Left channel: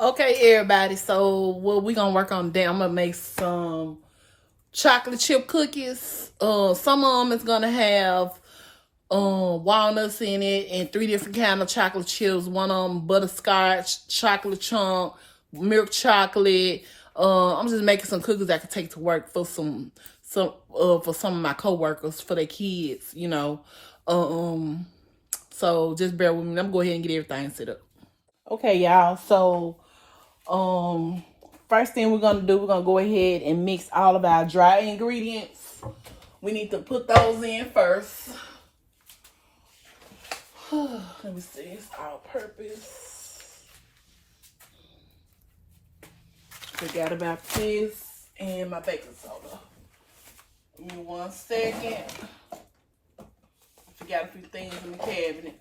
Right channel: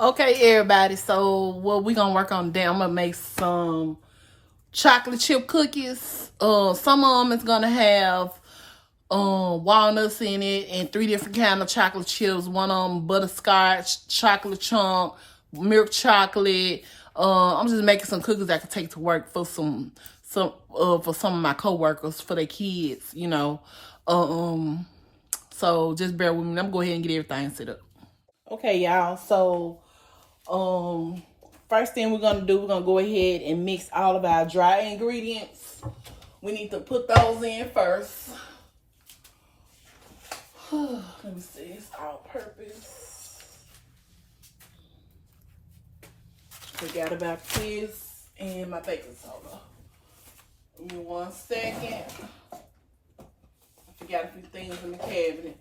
Okay, everybody. So what we gonna work on today? I'm gonna make some chocolate chip cookies. Some of them is gonna have walnuts in it and 3 different kind of chocolate chips. One of them butterscotch, chocolate chunk, milk chocolate. I'm just making some cookies I can take to work for for some of my coworkers, for their kids. So just bear with me. I'm gonna go ahead and get everything set up. Okay, y'all. So first thing we're gonna do, we're gonna go ahead and mix all of our dry ingredients. We need to put those in first. Let me see, it's all purpose. Forgot about this and my baking soda. Give me 1 second. I forgot a few things in the cabinet.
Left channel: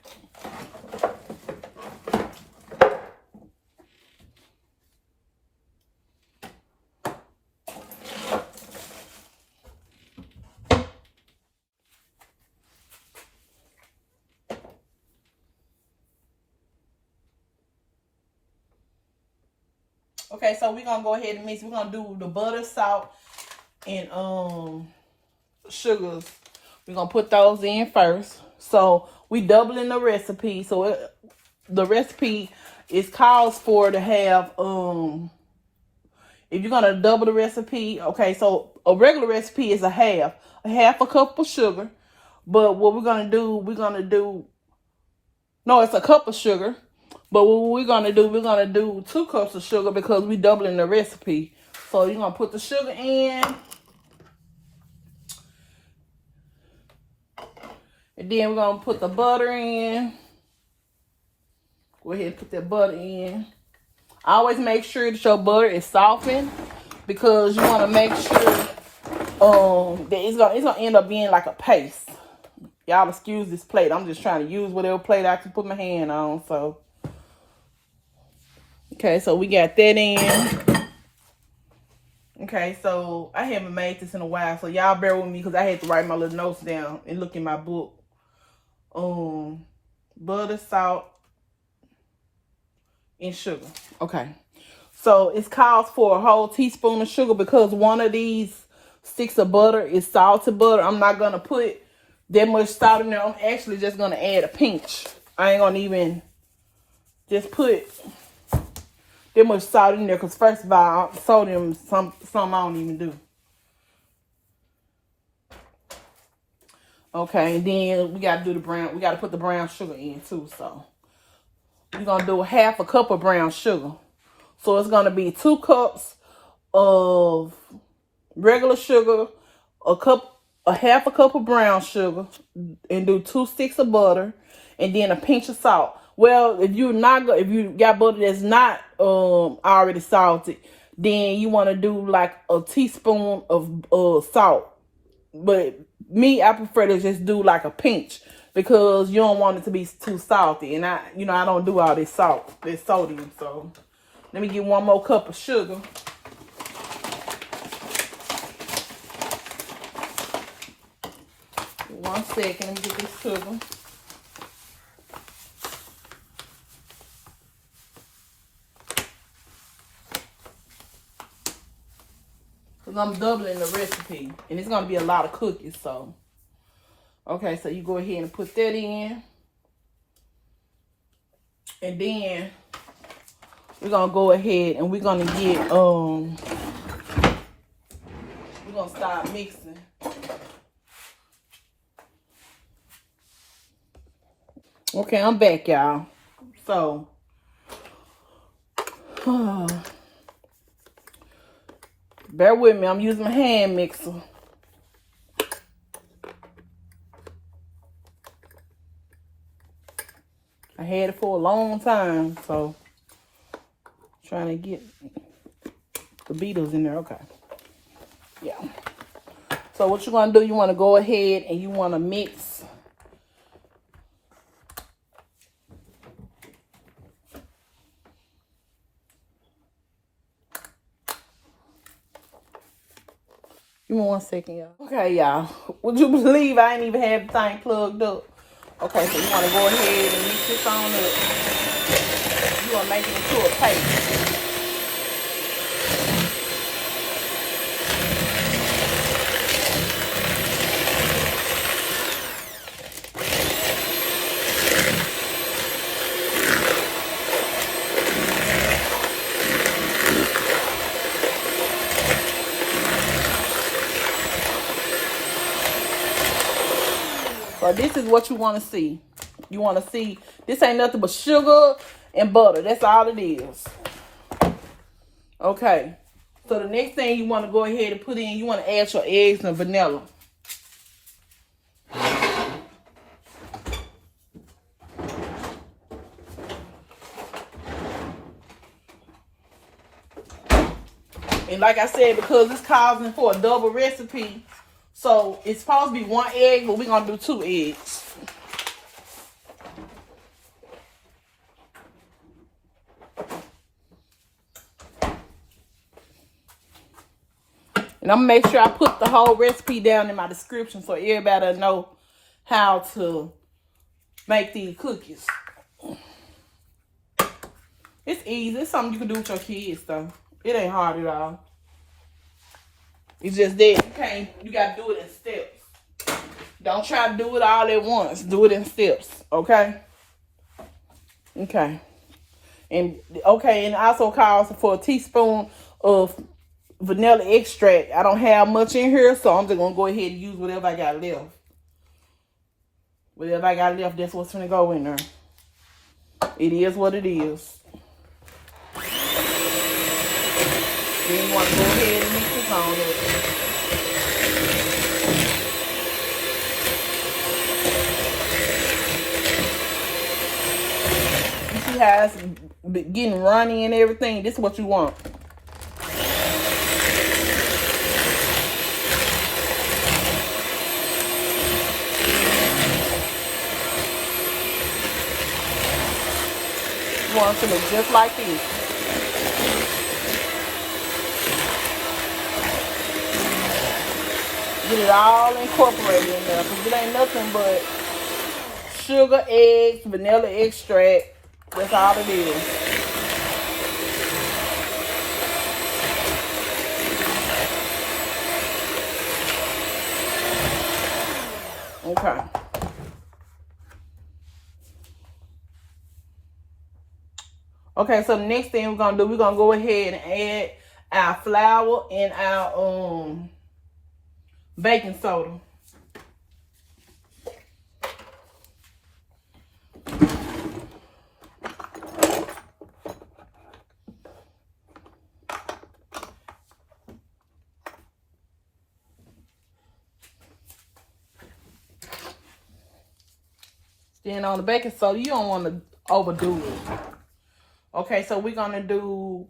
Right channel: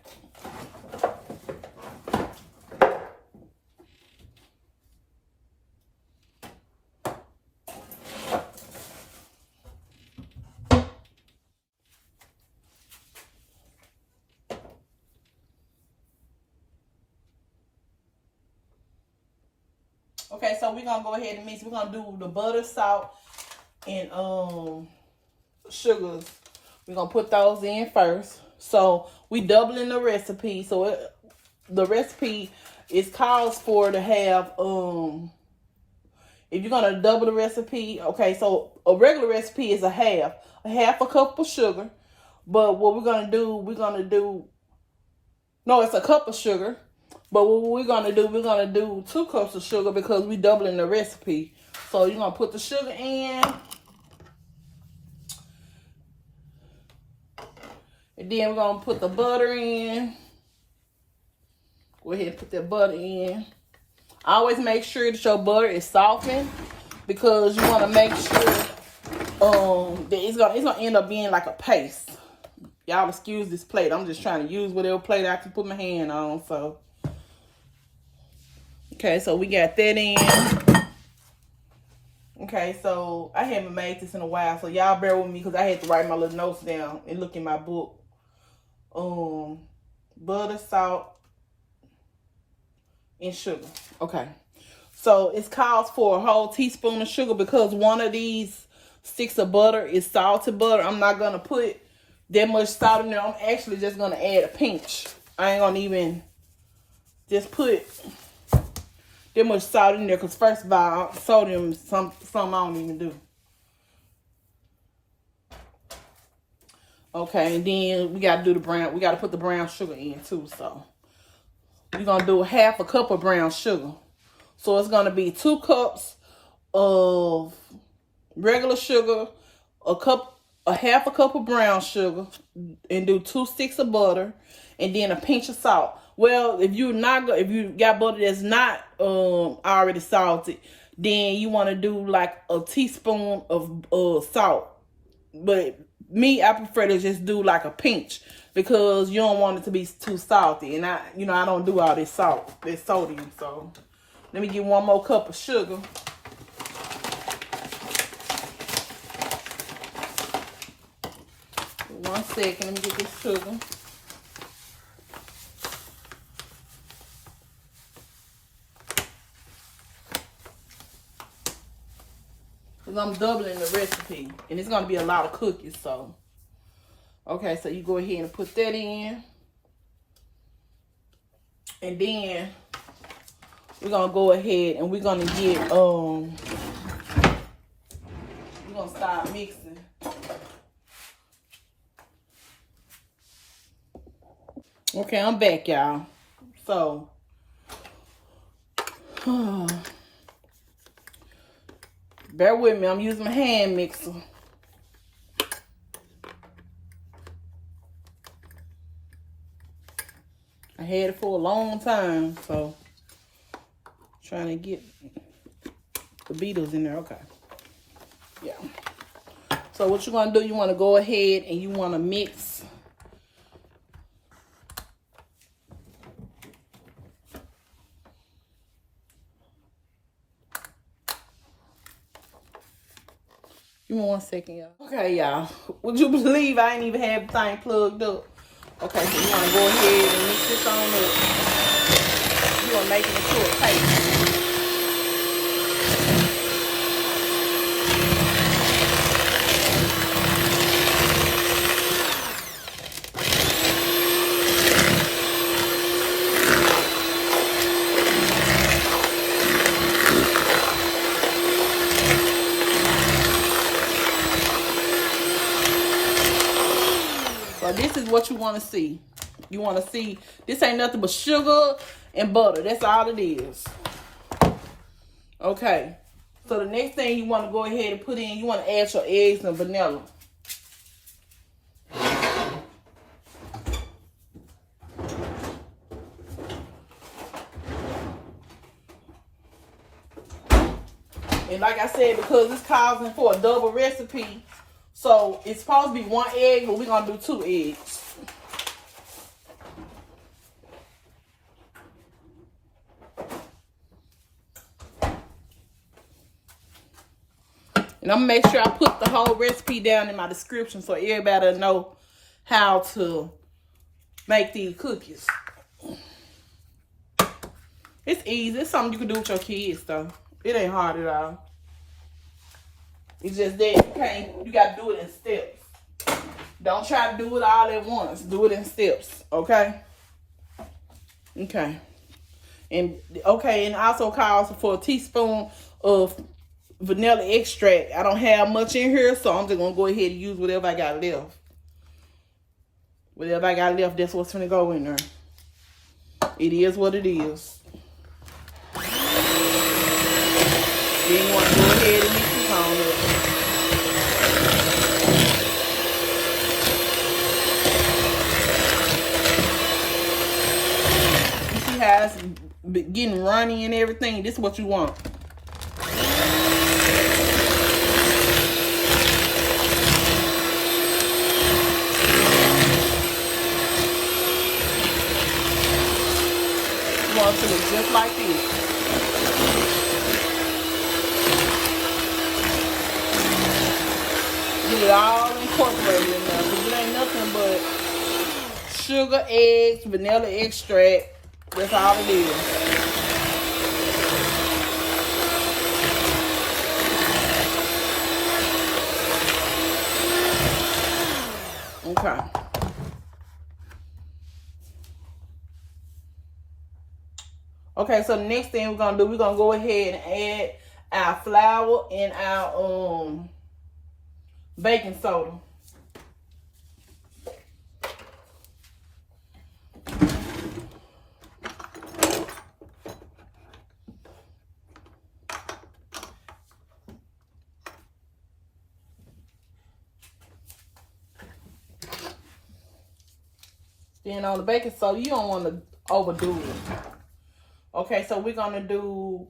Okay, so we're gonna go ahead and mix. We're gonna do the butter, salt, and sugars. We're gonna put those in first. So we doubling the recipe. So the recipe is calls for to have if you're gonna double the recipe, okay, so a regular recipe is a half a cup of sugar. But what we're gonna do, no, it's a cup of sugar. But what we're gonna do 2 cups of sugar because we're doubling the recipe. So you're gonna put the sugar in. And then we're gonna put the butter in. Go ahead and put that butter in. Always make sure that your butter is softened because you wanna make sure that it's gonna end up being like a paste. Y'all excuse this plate. I'm just trying to use whatever plate I can put my hand on. So okay, so we got that in. Okay, so I haven't made this in a while, so y'all bear with me because I had to write my little notes down and look in my book. Butter, salt, and sugar. Okay, so it calls for a whole teaspoon of sugar because one of these sticks of butter is salted butter. I'm not gonna put that much salt in there. I'm actually just gonna add a pinch. I ain't gonna even just put that much salt in there because first of all, sodium some I don't even do. Okay, and then we gotta do the brown. We gotta put the brown sugar in too. So we're gonna do half a cup of brown sugar. So it's gonna be 2 cups of regular sugar, half a cup of brown sugar, and do 2 sticks of butter, and then a pinch of salt. Well, if you got butter that's not already salted, then you want to do like a teaspoon of salt. But me, I prefer to just do like a pinch because you don't want it to be too salty. And I don't do all this salt, this sodium. So let me get 1 more cup of sugar. One second, let me get this sugar. Because I'm doubling the recipe. And it's going to be a lot of cookies. So, okay, so you go ahead and put that in. And then we're going to go ahead and we're going to get, we're going to start mixing. Okay, I'm back, y'all. So, bear with me. I'm using my hand mixer. I had it for a long time, so trying to get the beetles in there. Okay. Yeah. So what you're going to do, you want to go ahead and you want to mix. Give me 1 second, y'all. Okay, y'all. Would you believe I ain't even have the thing plugged up? Okay, so you want to go ahead and mix this on up. You want to make it into a paste. So this is what you want to see. You want to see, this ain't nothing but sugar and butter. That's all it is. Okay. So the next thing you want to go ahead and put in, you want to add your eggs and vanilla. And like I said, because it's calling for a double recipe, so it's supposed to be 1 egg, but we're going to do 2 eggs. And I'm going to make sure I put the whole recipe down in my description so everybody will know how to make these cookies. It's easy. It's something you can do with your kids, though. It ain't hard at all. It's just that you got to do it in steps. Don't try to do it all at once. Do it in steps, okay? Okay. And it also calls for a teaspoon of vanilla extract. I don't have much in here, so I'm just going to go ahead and use whatever I got left. Whatever I got left, that's what's going to go in there. It is what it is. Then you want to go ahead and mix this on up. You see how it's getting runny and everything? This is what you want. You want it to look just like this. Get it all incorporated in there, because it ain't nothing but sugar, eggs, vanilla extract. That's all it is. Okay. Okay, so the next thing we're gonna do, we're gonna go ahead and add our flour and our baking soda. Then on the baking soda, you don't want to overdo it. Okay, so we're gonna do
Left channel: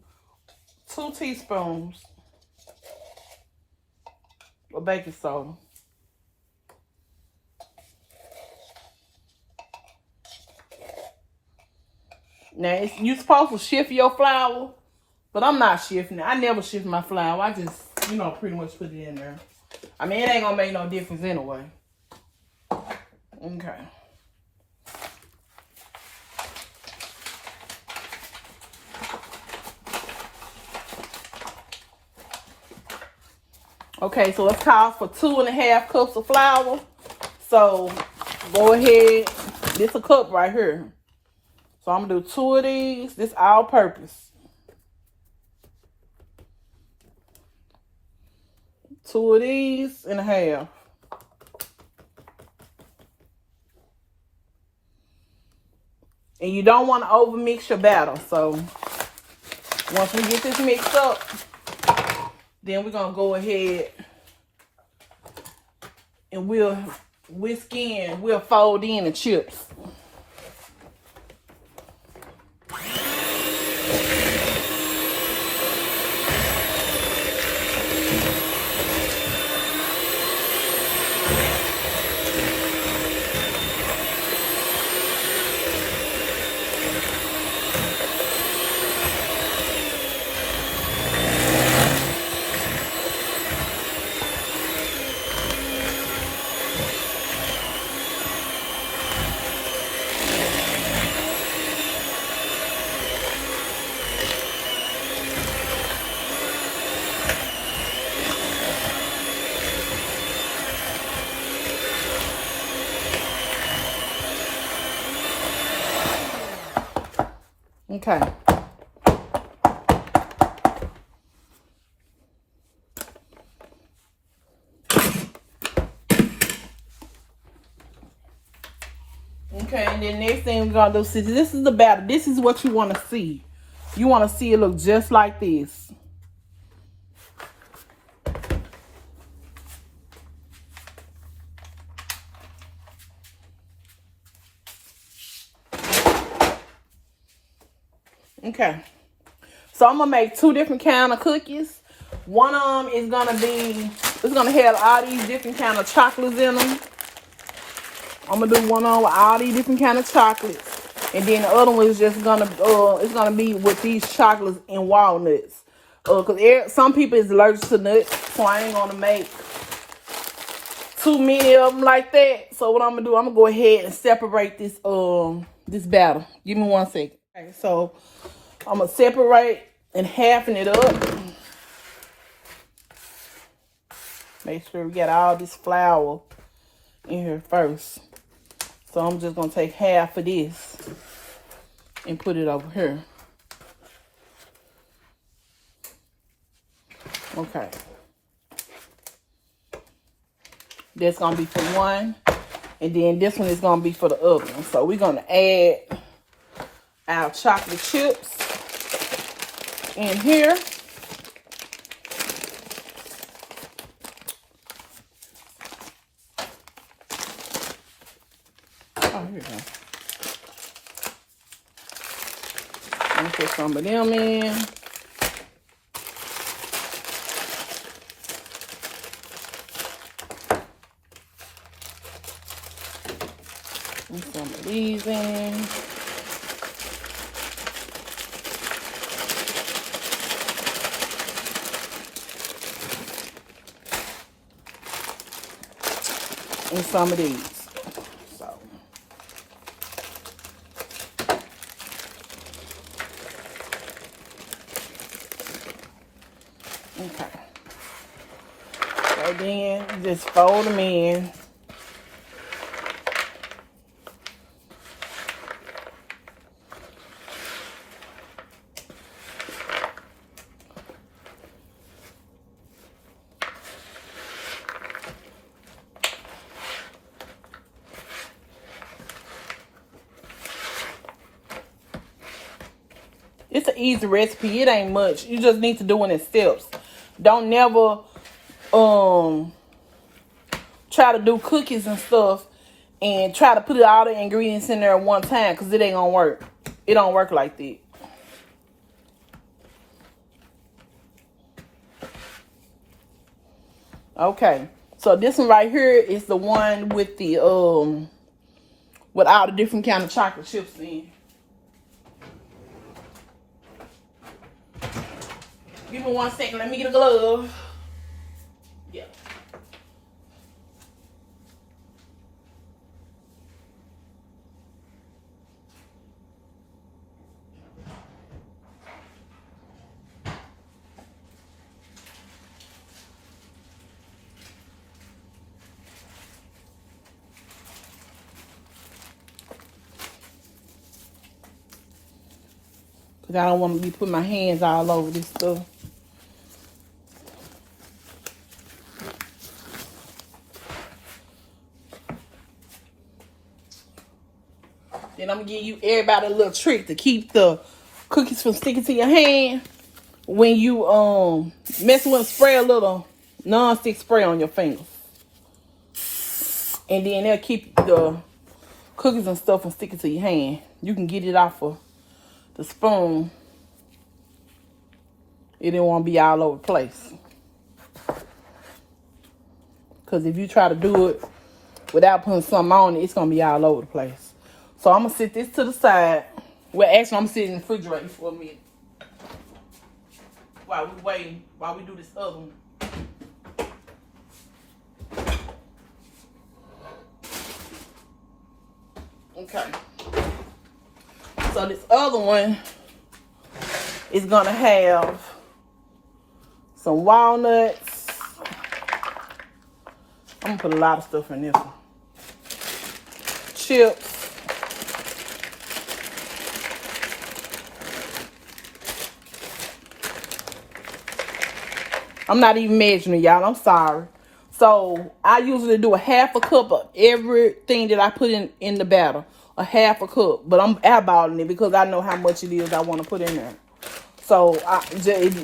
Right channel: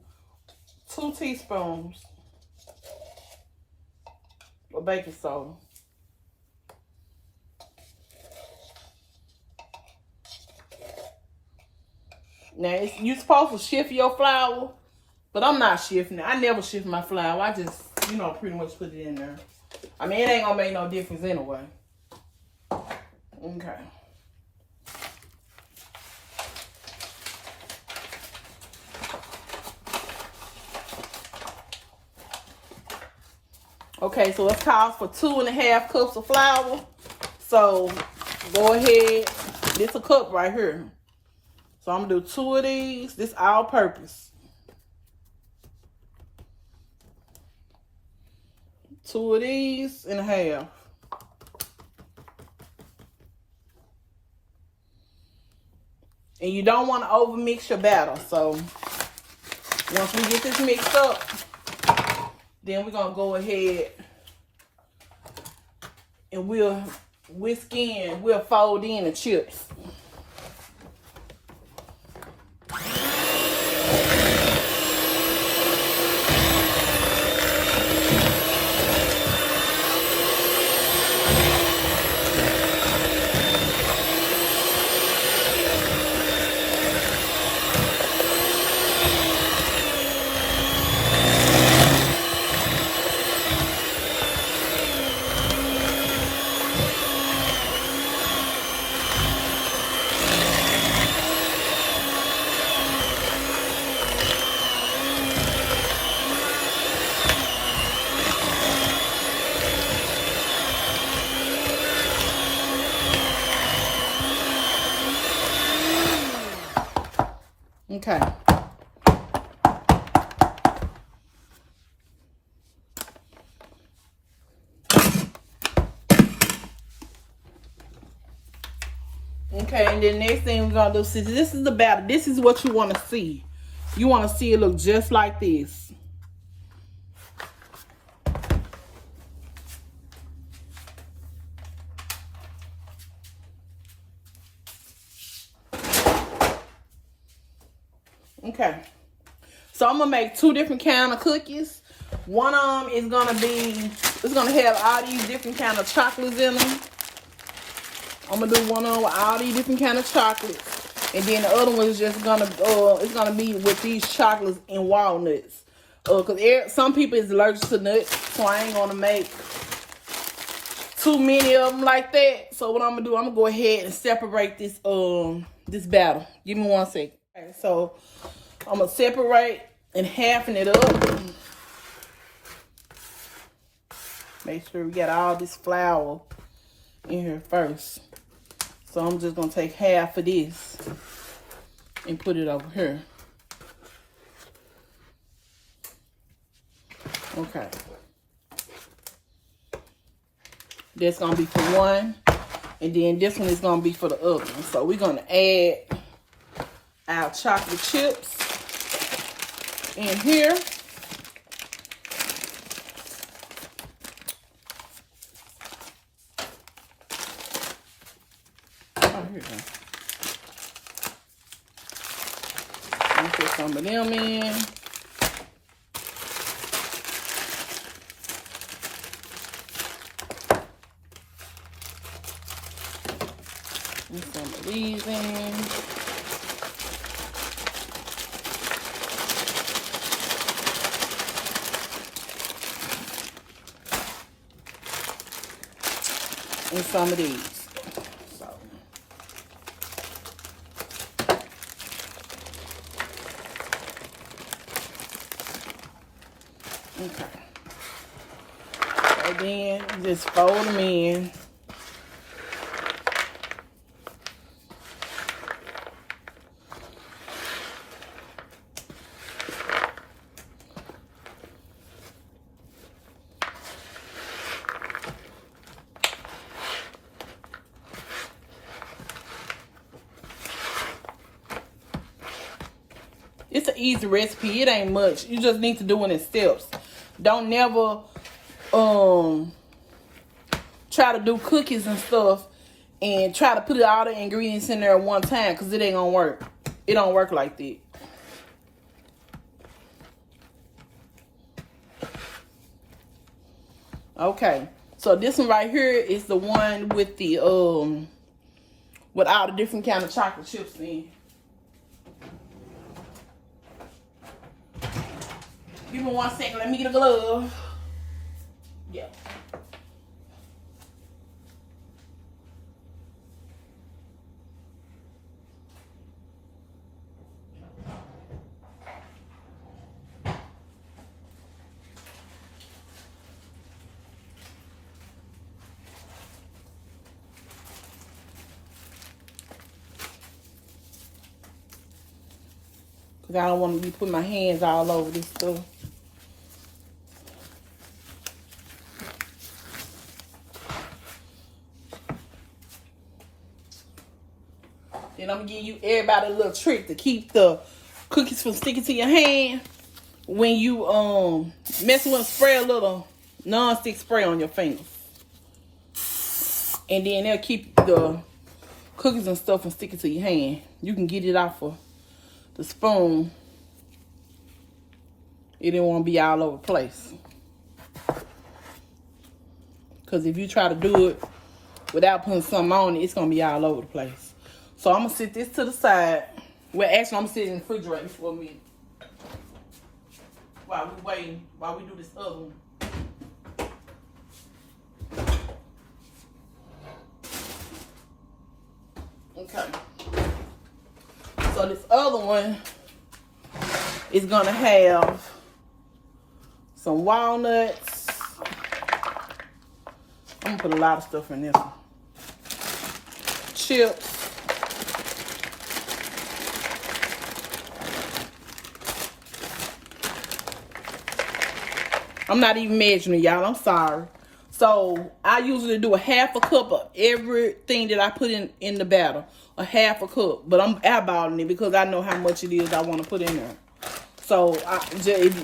2 teaspoons of baking soda. Now, you're supposed to shift your flour, but I'm not shifting it. I never shift my flour. I just, pretty much put it in there. I mean, it ain't gonna make no difference anyway. Okay. Okay, so it's called for 2.5 cups of flour. So go ahead. This a cup right here. So I'm gonna do 2 of these. This all purpose. 2 of these and a half. And you don't want to over mix your batter. So once we get this mixed up, then we're going to go ahead and we'll fold in the chips. Okay. Okay, and then next thing we're gonna do, see, this is the batter. This is what you want to see. You want to see it look just like this. Okay, so I'm gonna make 2 different kind of cookies. One of them is gonna be, it's gonna have all these different kind of chocolates in them. I'm gonna do one on with all these different kind of chocolates, and then the other one is just gonna, it's gonna be with these chocolates and walnuts. Cause some people is allergic to nuts, so I ain't gonna make too many of them like that. So what I'm gonna do, I'm gonna go ahead and separate this this batter. Give me 1 second. Okay, so I'm gonna separate and halving it up. Make sure we get all this flour in here first. So I'm just gonna take half of this and put it over here. Okay. That's gonna be for one, and then this one is gonna be for the other one. So we're gonna add our chocolate chips in here. Oh, here we go. Let me put some of them in. And some of these in. And some of these. So. Okay. So then just fold them in. It's an easy recipe. It ain't much. You just need to do it in steps. Don't never try to do cookies and stuff and try to put all the ingredients in there at one time, because it ain't gonna work. It don't work like that. Okay. So this one right here is the one with the with all the different kind of chocolate chips in. Give me 1 second. Let me get a glove. Yeah. Because I don't want to be putting my hands all over this stuff. Then I'm going to give you everybody a little trick to keep the cookies from sticking to your hand. When you mess with them, spray a little non-stick spray on your fingers. And then they'll keep the cookies and stuff from sticking to your hand. You can get it off of the spoon. It didn't want to be all over the place. Because if you try to do it without putting something on it, it's going to be all over the place. So I'm going to sit this to the side. Well, actually, I'm sitting in the refrigerator for a minute. While we waiting, while we do this other one. Okay. So this other one is going to have some walnuts. I'm going to put a lot of stuff in this one. Chips. I'm not even measuring, y'all. I'm sorry. So I usually do a half a cup of everything that I put in the batter. A half a cup. But I'm eyeballing it because I know how much it is I want to put in there. So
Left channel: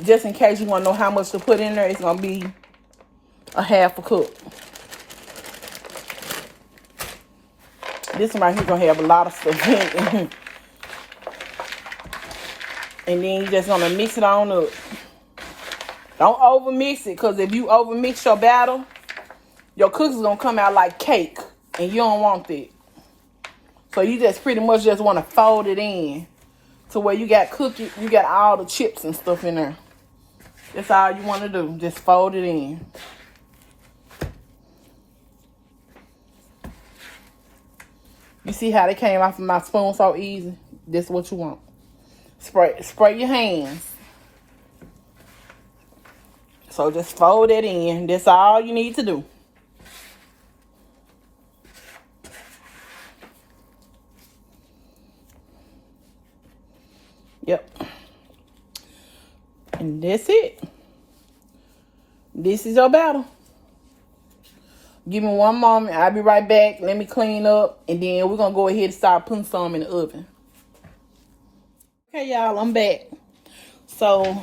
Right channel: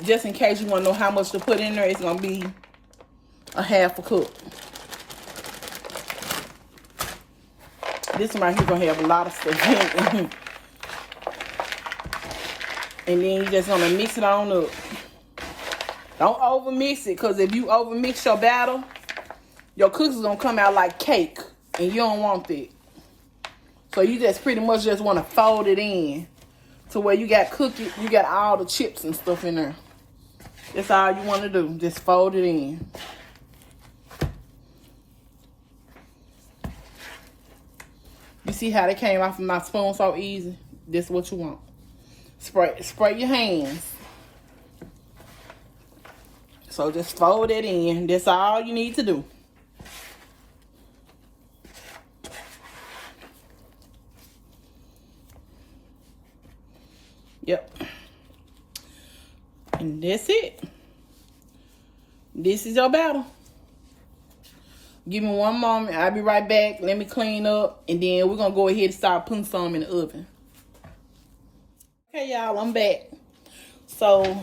just in case you want to know how much to put in there, it's going to be a half a cup. This one right here going to have a lot of stuff in it. And then you're just going to mix it on up. Don't over mix it, because if you over mix your batter, your cookies going to come out like cake. And you don't want that. So you just pretty much just want to fold it in to where you got cookie, you got all the chips and stuff in there. That's all you want to do. Just fold it in. You see how they came off of my spoon so easy? This is what you want. Spray your hands. So just fold it in. That's all you need to do. Yep. And that's it. This is your batter. Give me one moment. I'll be right back. Let me clean up. And then we're going to go ahead and start putting some in the oven. Okay, y'all. I'm back. So,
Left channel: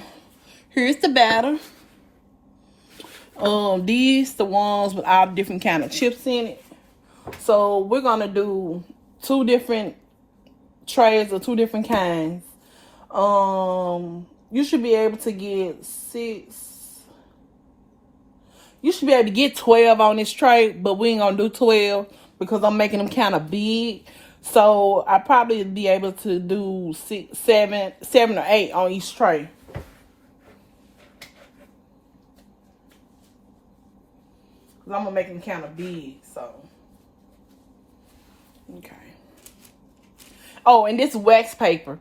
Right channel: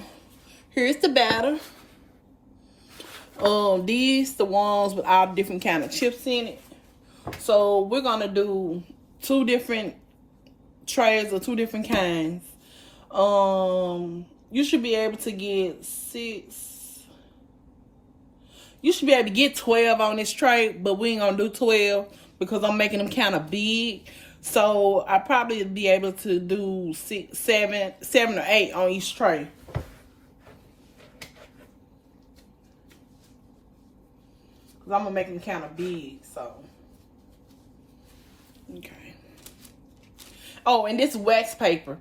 here's the batter. These the ones with all different kind of chips in it. So, we're going to do 2 different trays of 2 different kinds. You should be able to get 6. You should be able to get 12 on this tray, but we ain't gonna do 12 because I'm making them kind of big. So I probably be able to do 7 or 8 on each tray. Cause I'm gonna make them kind of big. So okay. Oh, and this wax paper.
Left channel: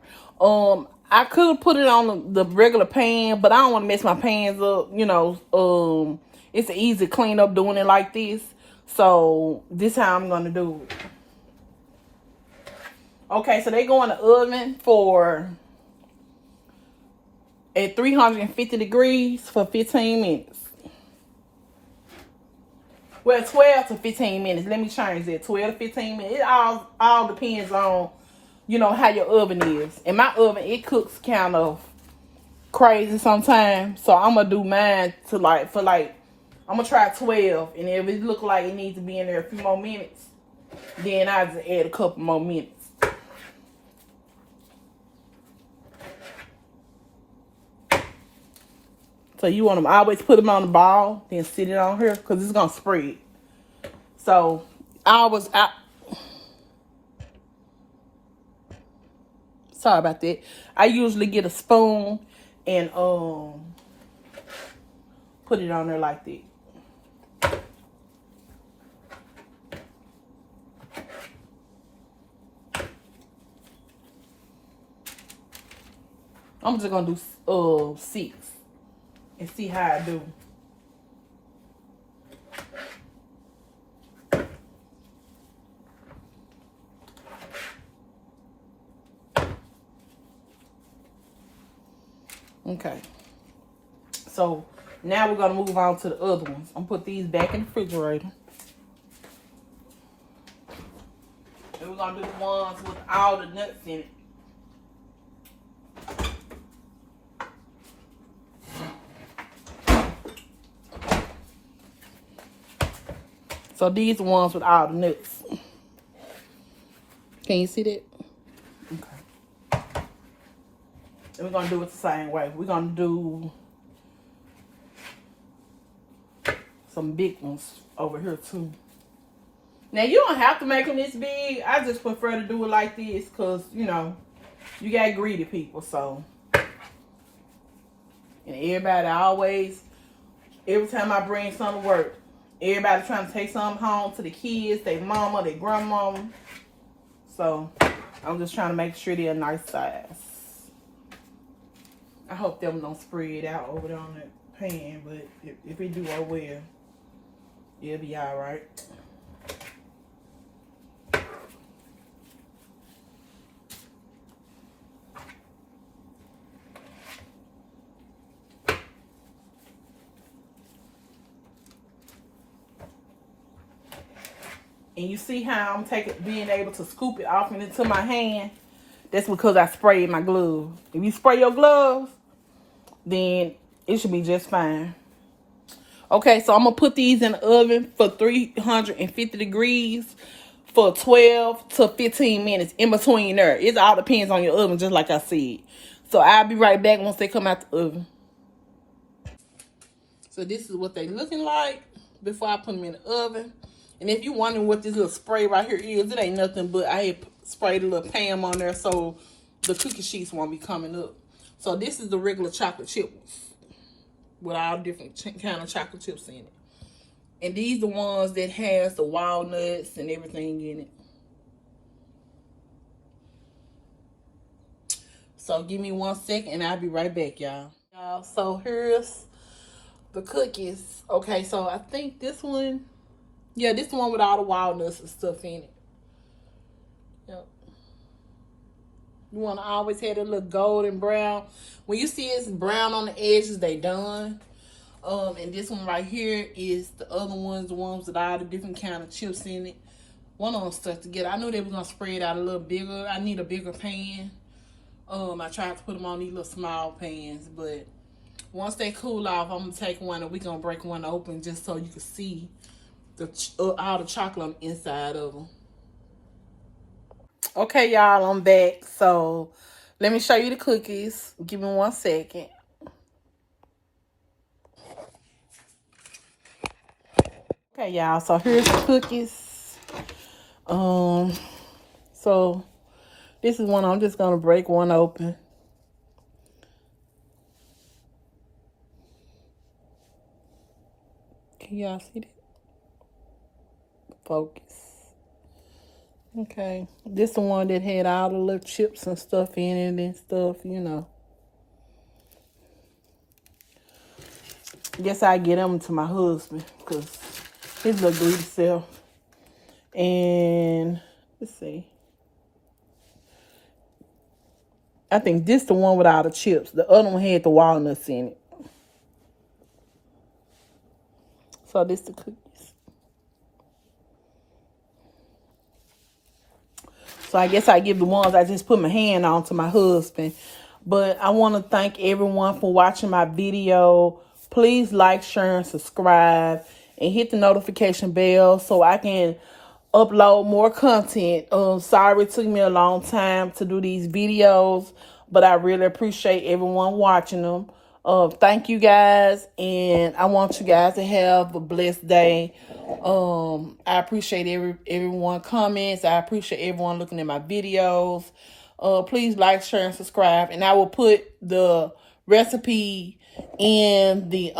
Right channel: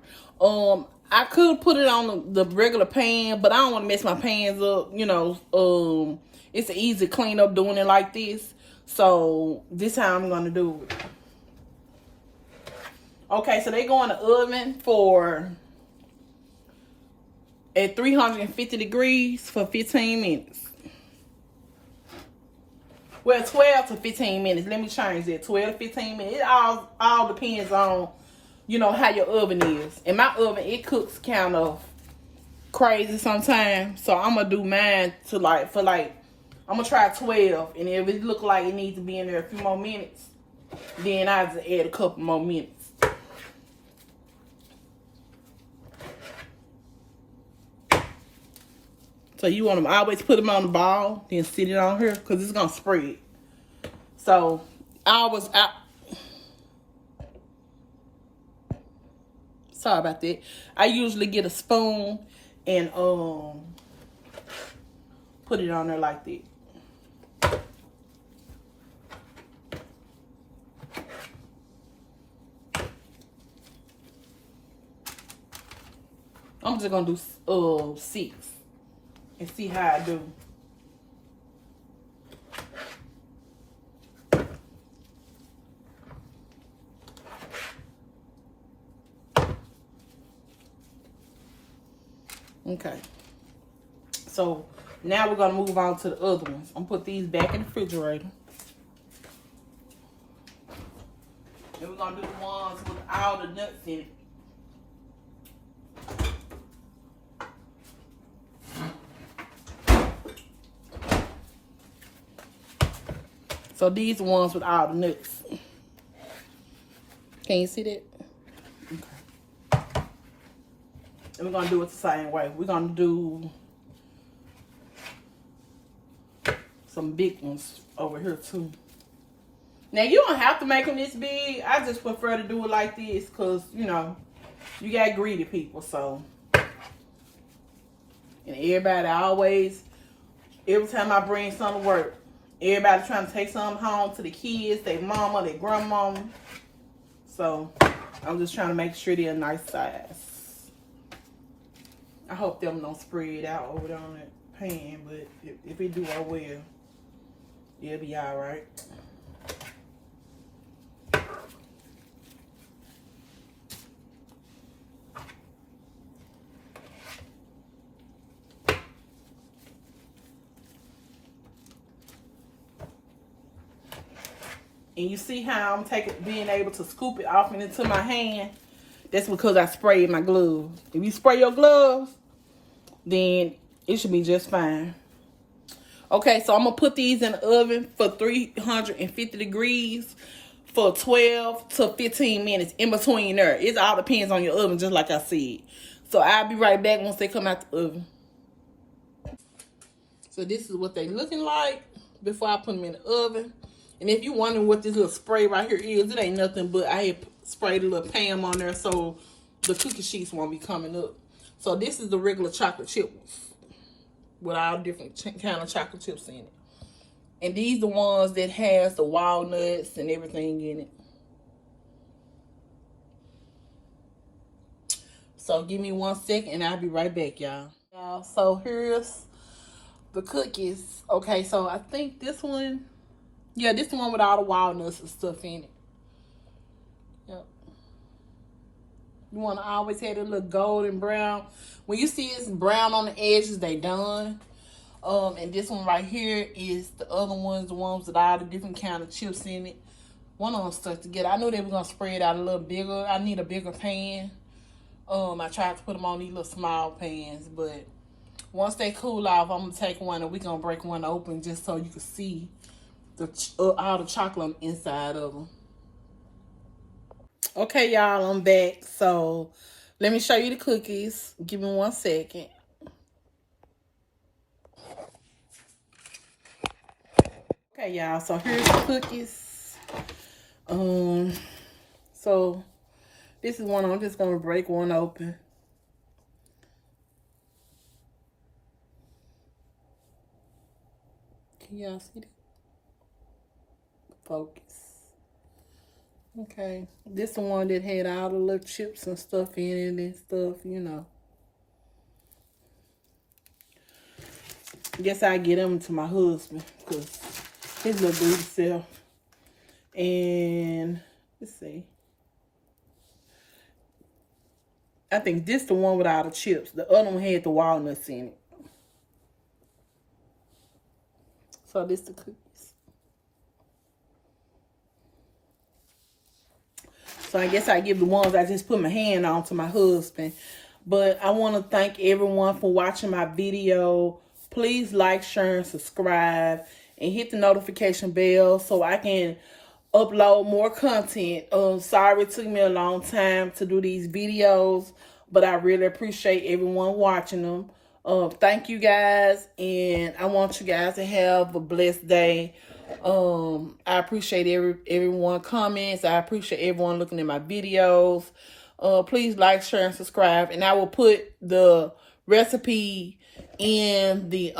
I could put it on the regular pan, but I don't want to mess my pans up. You know, it's an easy clean up doing it like this. So this how I'm gonna do it. Okay, so they go in the oven for at 350 degrees for 15 minutes. Well, 12 to 15 minutes. Let me change that. 12 to 15 minutes. It all depends on, you know, how your oven is. In my oven, it cooks kind of crazy sometimes. So I'm gonna do mine to I'm gonna try 12. And if it look like it needs to be in there a few more minutes, then I'll just add a couple more minutes. So you want them always put them on the ball, then sit it on here, because it's gonna spread. So sorry about that. I usually get a spoon and put it on there like that. I'm just gonna do 6 and see how I do. Okay. So now we're gonna move on to the other ones. I'm gonna put these back in the refrigerator. And we're gonna do the ones with all the nuts in it. So these ones with all the nuts. Can you see that? Okay. And we're gonna do it the same way. We're gonna do some big ones over here too. Now you don't have to make them this big. I just prefer to do it like this because, you know, you got greedy people. So, and everybody always, every time I bring something to work, everybody trying to take something home to the kids, their mama, their grandmama. So I'm just trying to make sure they're a nice size. I hope them don't spread out over there on that pan, but if it do, oh well. It'll be all right. And you see how I'm being able to scoop it off into my hand? That's because I sprayed my gloves. If you spray your gloves, then it should be just fine. Okay, so I'm going to put these in the oven for 350 degrees for 12 to 15 minutes in between there. It all depends on your oven, just like I said. So I'll be right back once they come out the oven. So this is what they looking like before I put them in the oven. And if you're wondering what this little spray right here is, it ain't nothing but I had sprayed a little Pam on there so the cookie sheets won't be coming up. So this is the regular chocolate chips with all different kind of chocolate chips in it. And these the ones that has the walnuts and everything in it. So give me 1 second and I'll be right back, y'all. So here's the cookies. Okay, so I think this one, yeah, this one with all the walnuts and stuff in it. Yep. You want to always have a little golden brown. When you see it's brown on the edges, they done. And this one right here is the other ones, the ones with all the different kind of chips in it. One of them stuck together. I knew they were gonna spread out a little bigger. I need a bigger pan. I tried to put them on these little small pans, but once they cool off, I'm gonna take one and we're gonna break one open just so you can see all the chocolate inside of them. Okay, y'all, I'm back. So let me show you the cookies. Give me 1 second. Okay, y'all, so here's the cookies. So this is one I'm just gonna break one open. Can y'all see that? Focus. Okay, this is the one that had all the little chips and stuff in it and stuff, you know. Guess I get them to my husband because his little dude self. And let's see. I think this the one with all the chips. The other one had the walnuts in it. So this the cookies. So I guess I give the ones I just put my hand on to my husband. But I want to thank everyone for watching my video. Please like, share, and subscribe. And hit the notification bell so I can upload more content. Sorry it took me a long time to do these videos, but I really appreciate everyone watching them. Thank you guys, and I want you guys to have a blessed day. I appreciate everyone comments. I appreciate everyone looking at my videos. Please like, share, and subscribe, and I will put the recipe in the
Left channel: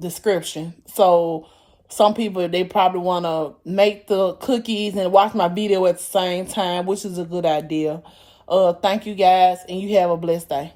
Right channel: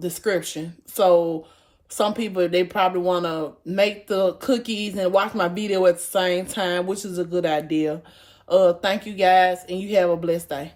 description. So some people, they probably want to make the cookies and watch my video at the same time, which is a good idea. Thank you guys, and you have a blessed day.